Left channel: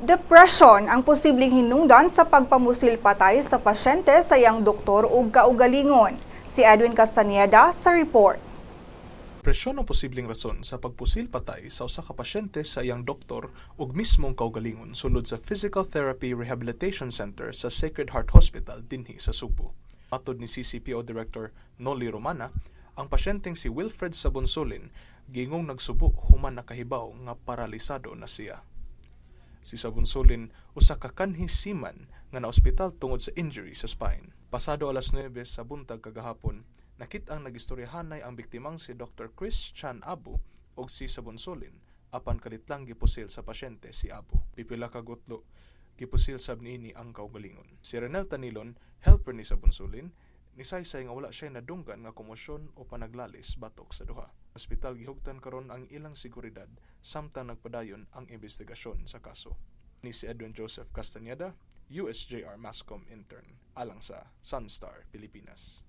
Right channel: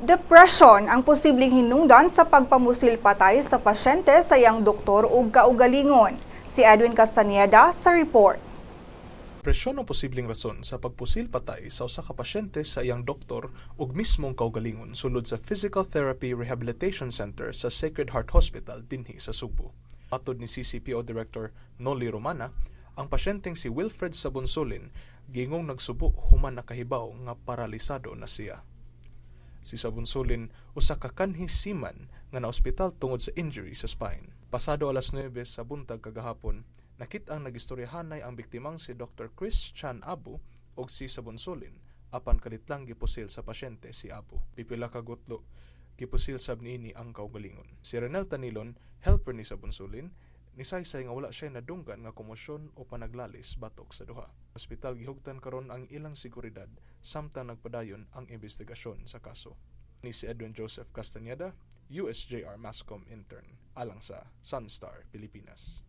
Depression ang posibleng hinungdan sa pagpamusil patay sa pasyente sa iyang doktor ug kaugalingon. Si Edwin Castañeda sa report. Presyon ang posibleng rason sa pagpusil patay sa usa ka pasyente sa iyang doktor ug mismong kaugalingon sulod sa Physical Therapy Rehabilitation Center sa Sacred Heart Hospital dinhi sa Subo. Matod ni CCPO Director Noli Romana, ang pasyenteng si Wilfred Sabonsolin gingong nagsubo human nakahibaw nga paralisado na siya. Si Sabonsolin usa ka kanhi seaman nga naospital tungod sa injury sa spine. Pasado alas 9 sa buntag kagahapon, nakit-ang nagistoryahanay ang biktimang si Dr. Chris Chan Abu og si Sabonsolin apan kalitlang gipusil sa pasyente si Abu. Pipila ka gutlo gipusil sab niini ang kaugalingon. Si Renel Tanilon, helper ni Sabonsolin, nisaysay nga wala siya nadunggan nga komosyon o panaglalis batok sa duha. Hospital gihugtan karon ang ilang seguridad samtang nagpadayon ang investigasyon sa kaso. Ni si Edwin Joseph Castañeda, USJR Mascom intern, alang sa Sunstar, Pilipinas.